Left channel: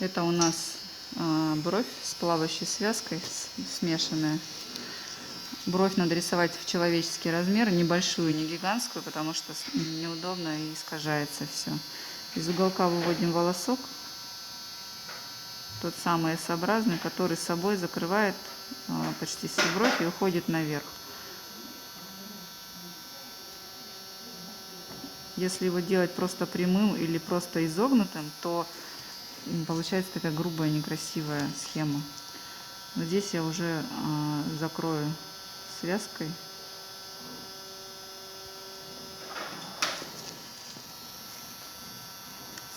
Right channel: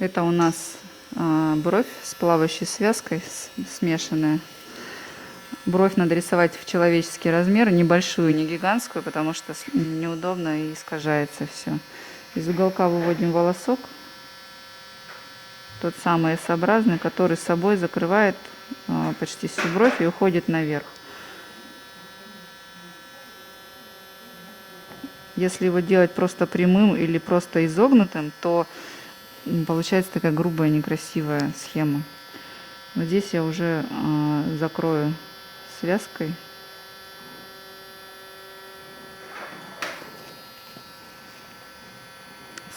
Это у нас бровь с плавающей связкой, смешанная. Бровь надо рисовать в человеческий размер, небольшую, не гигантскую, потому что неудобно и искажается все. Из уголка выводим волосок, тот самый S-образный, который с собой закрывает почти всю бровь и уходит наверх. Если его делать просто прямым или просто изогнутым, то получается такая грубая, некрасивая схема. Но здесь я уже закрою связкой.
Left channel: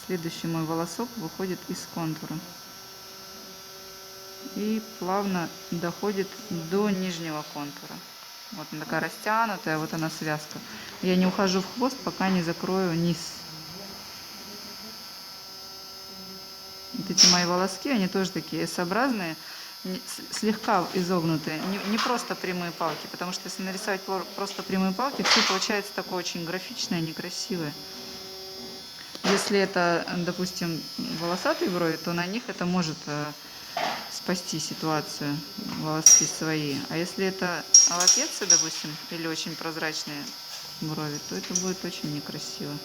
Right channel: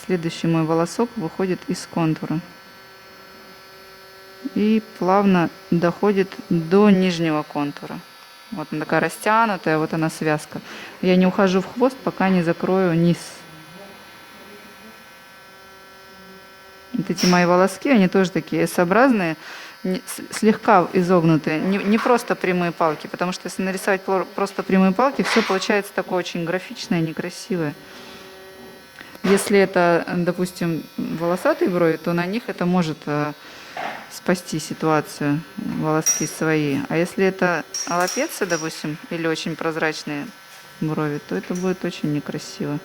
Следующий мой волосок выходит из контура и плавно доходит до нижнего контура. Вот она такая растянутая, вот она связка. Я не ухожу в хвост, пока не закрою низ. Вот эти мои волоски, они тоже такие S-образные, слегка изогнутые, не просто прямые палки, потому что если нарисовать просто прямые палки, все получается такое очень графичное, некрасивое. Если это, допустим, волосатые брови, то на них это может спасти ситуацию, волоски свои. А если это алапецы, допустим, или очень прозрачные брови, то это будет очень некрасиво.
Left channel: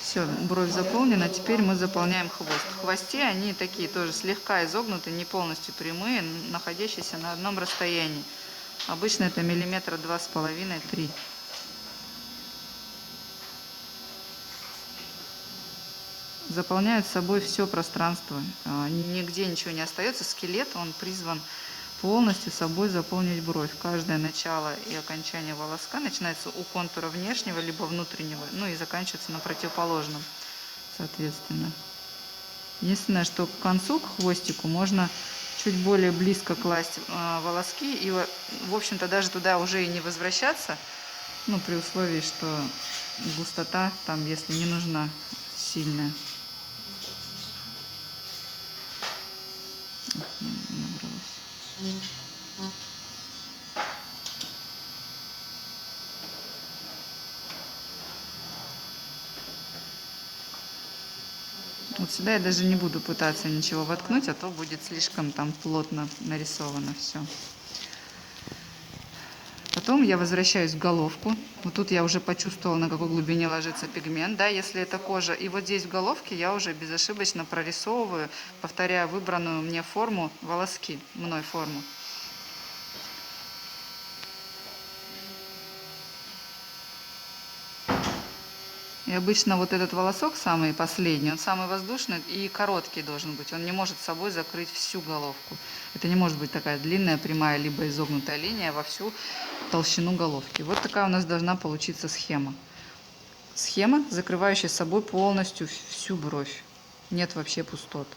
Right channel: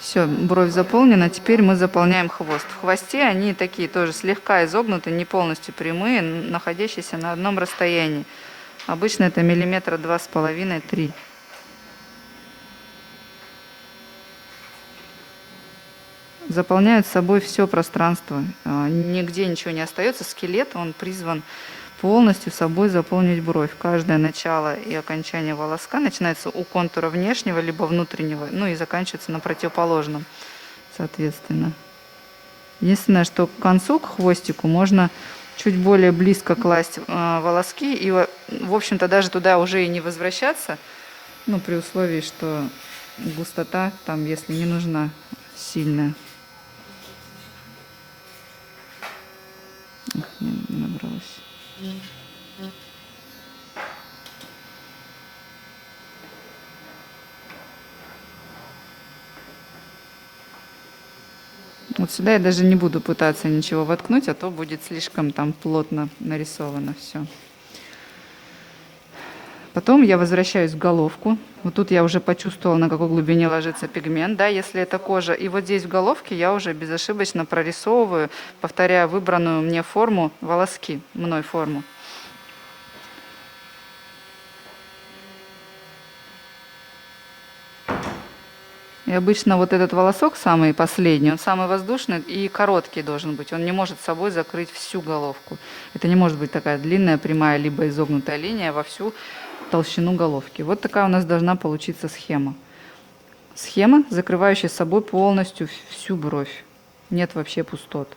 Все, бровь заполнена. Теперь мы заполняем хвост. В хвосте они такие тоже слегка изогнуты, не полностью прямые, находящиеся на одном расстоянии. Обычно это миллиметра 2,5–3. Заполняют собой все пространство. Нигде ничего не остается. Скелет, он призван полностью собой заполнить бровь. Каждое начало и окончание волоска начинается у контура внешнего либо внутреннего, ну и заканчивается на противоположном, соответственно. Единственное, что к концу, к хвостику, можно чуть более близко класть волоски и, в общем-то, даже туда уже и не возвращаться, ну, при условии, что густота там, если не нужна, сильная. Ох, не набралось. Вот сюда я даже не буду пытаться ничего воткнуть, а то будет слишком там плотно нарисовано все. Потом я возвращаюсь в головку. Вот тут я уже почувствовала, на какой глубине ложится пигмент, да, если это кожа. И вот здесь в головке я уже безошибочно прорисовываю, повторяя выбранную мне форму, волоски, мной форму. И обычно вот этот волосок, самый последний, он самый воздушный и короткий должен быть. Он не может с собой закрыть всю головку. Это не может быть такая длинная, прямая, либо изогнутая линия во всю толщину головки. Вот такая у нас должна получиться схема. Схема, закрывающая собой полностью всю бровь. Нет вообще пустот.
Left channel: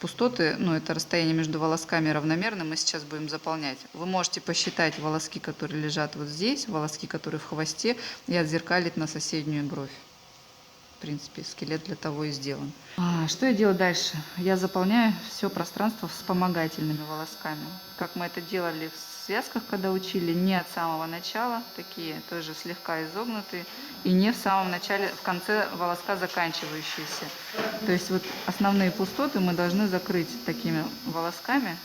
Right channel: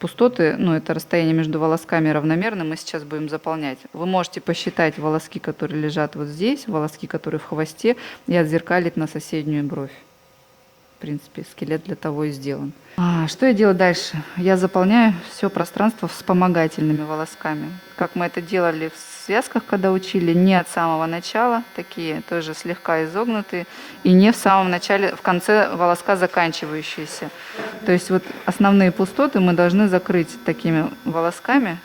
Пустоты, ну, это расстояние между волосками равномерно, мы сейчас будем заполнять. Вы можете посчитать волоски, которые лежат вот здесь, волоски, которые в хвосте, и отзеркалить на соседнюю бровь. В принципе, скелет для того и сделан. Что я делаю дальше? Я заполняю все пространство вспомогательными волосками. Как мы это делали в связках, когда учили, не от самого начала, такие тоже слегка изогнутые, и не в самом начале, в конце волоска заканчивающиеся. То есть вот основные пустоты мы должны закрыть такими волосками.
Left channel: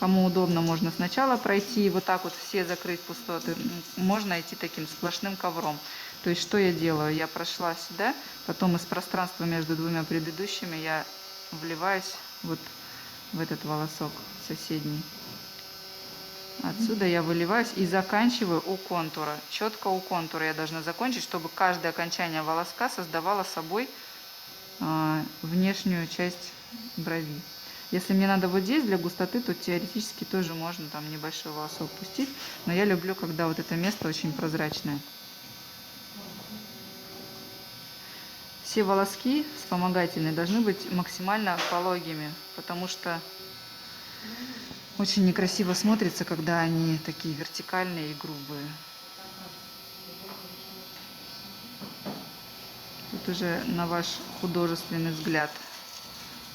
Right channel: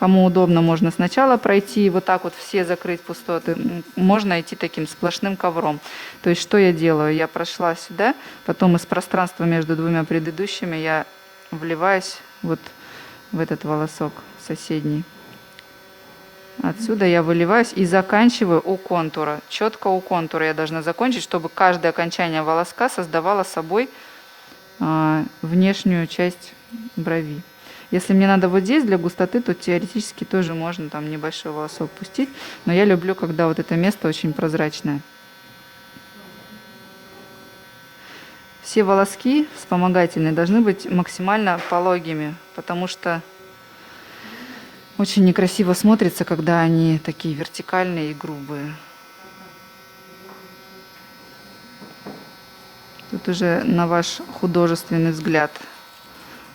Кому удобно, можно сначала пройти, вот так вот все закрыть пустоты. Можно идти таким сплошным ковром. То есть что я делаю? Я прошла сюда, потом из пространства между двумя предыдущими я вливаюсь вот в этот волосок соседний. Отсюда я выливаюсь и заканчиваю у контура. Четко у контура я должна закончить, чтобы каждое окончание волоска создавало собой внешнюю часть брови. Если мне надо вот здесь для густоты, то теоретически тоже можно там небольшой волосок пустить. Но я люблю, когда вот это место очень прозрачное. Все волоски вспомогательные должны быть максимально пологими, потому что очень некрасиво смотрится, когда они такие вертикальные и грубые. Тут уже на ваш художественный взгляд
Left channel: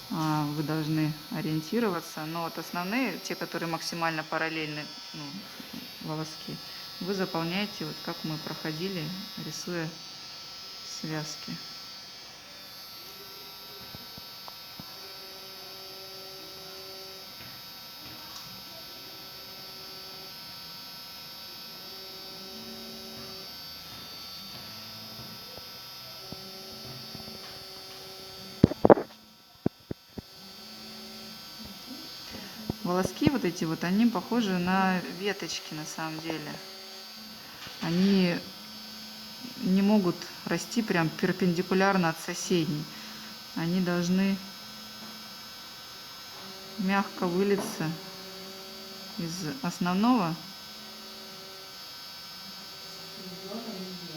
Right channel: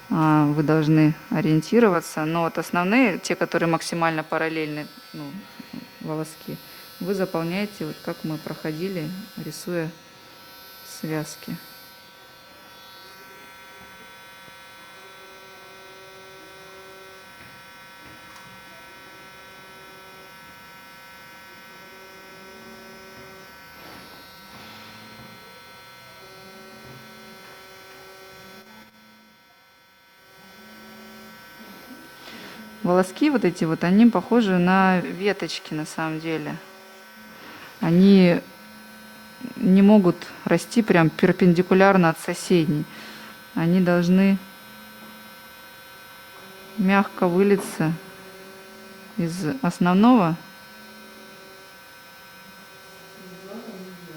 вы должны ориентироваться. Но вот основные, те, которые максимально параллельны, ну, волоски, вы заполняете, вот как мы проходили, рисуя связки. Волоски вот эти вот, они похожи на веточки на самом деле. Они не могут расти прям перпендикулярно от соседней. Они должны мягко вылиться из основного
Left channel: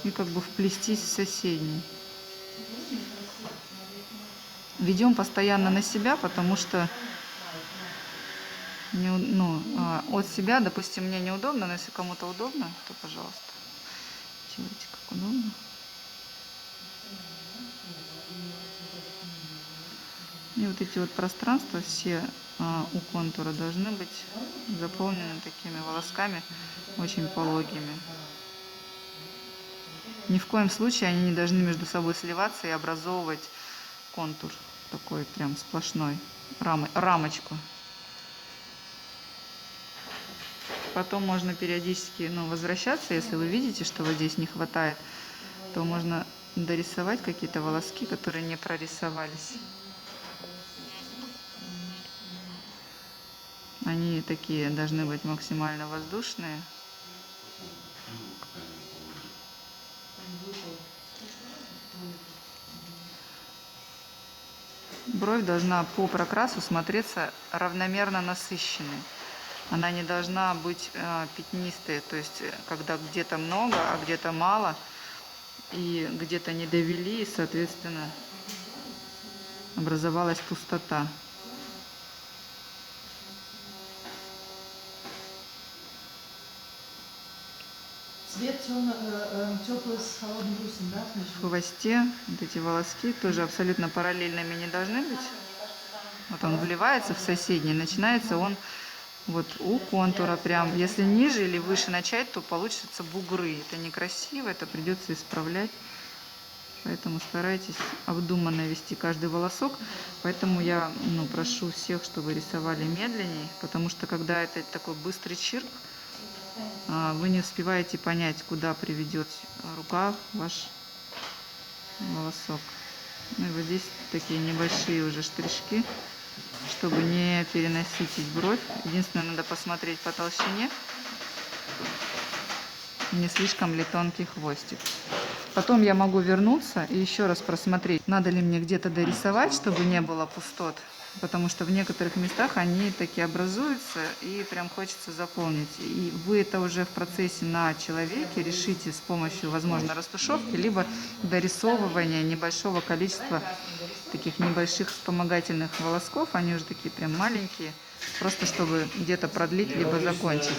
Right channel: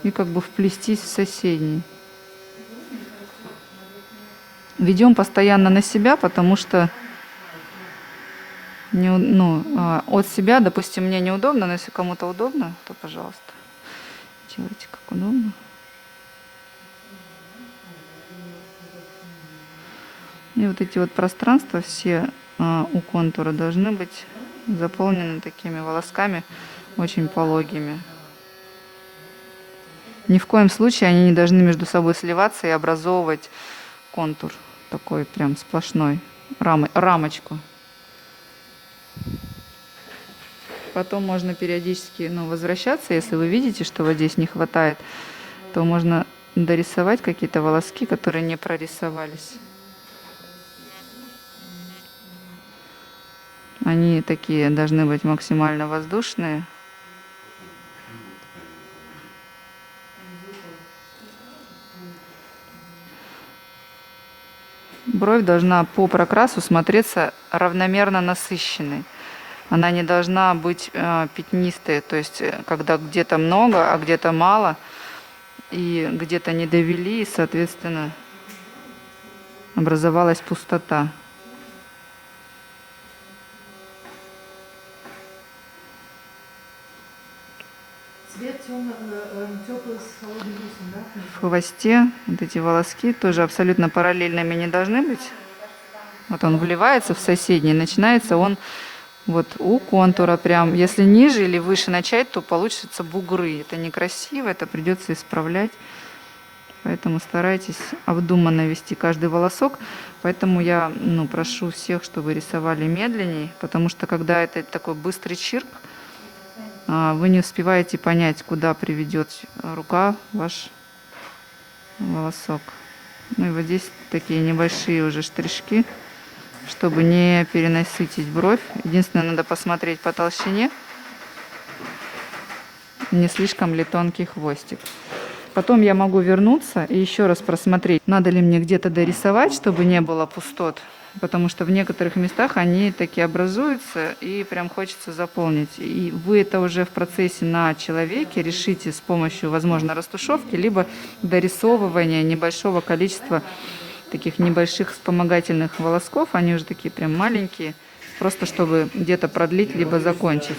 и как бы вплестись в соседний. Ведем постоянно на себя, потому что от себя, допустим, мне неудобно, но если кому-то удобно, то пожалуйста, делайте как удобно. И вот эти вот пространства все у контура должны быть заполнены такими волосками очень пологими. Ни в коем случае они не должны между собой сливаться и образовывать контур такой прям сплошной, рамочку. Потом можно периодически возвращаться, если вы видите, что вот здесь не хватает, то можно дорисовать какие-то волоски, которые не прорисовались. Они такие должны быть максимально воздушные. Бровь должна по прокрасу смотреться равномерно насыщенной. Она не должна быть пятнистой, то есть когда где-то много, а где-то мало, и где-то не довели, и, соответственно, образовалась пустота. Цвет теплый с холодным плюсом, да? В хвосте вот эти волоски тоже абсолютно параллельными не должны быть. Вот он вливается в соседний, начинается он вот у контура прям. Если ниже или выше начать, то получится бугры. Это некрасиво, это придется исправлять. Поэтому старайтесь обдуманно вести каждый волосок. Поэтому я прошу всех, чтобы рисовали медленнее, потому что когда это такой быстрый чирк, вы не успеваете понять, куда приведет рука ваш волосок. Ну и вот здесь такие небольшие уже штришки, чтобы не перенасытить бровь. Единственное, надо посмотреть по толщине, не слишком ли тонкий хвостик. Потом я могу вернуться и еще раз просмотреть, надо ли мне где-то дорисовать, чтобы не было пустот. Потому что в некоторых местах они таки образуются и прям хочется заполнить. И вы это уже в процессе на человеке решите с помощью, возможно, растушевки, либо дорисовывания небольшого количества таких небольших вспомогательных волосков. Они уже такие прям маленькие, просто чтобы где-то продлить, либо закончить.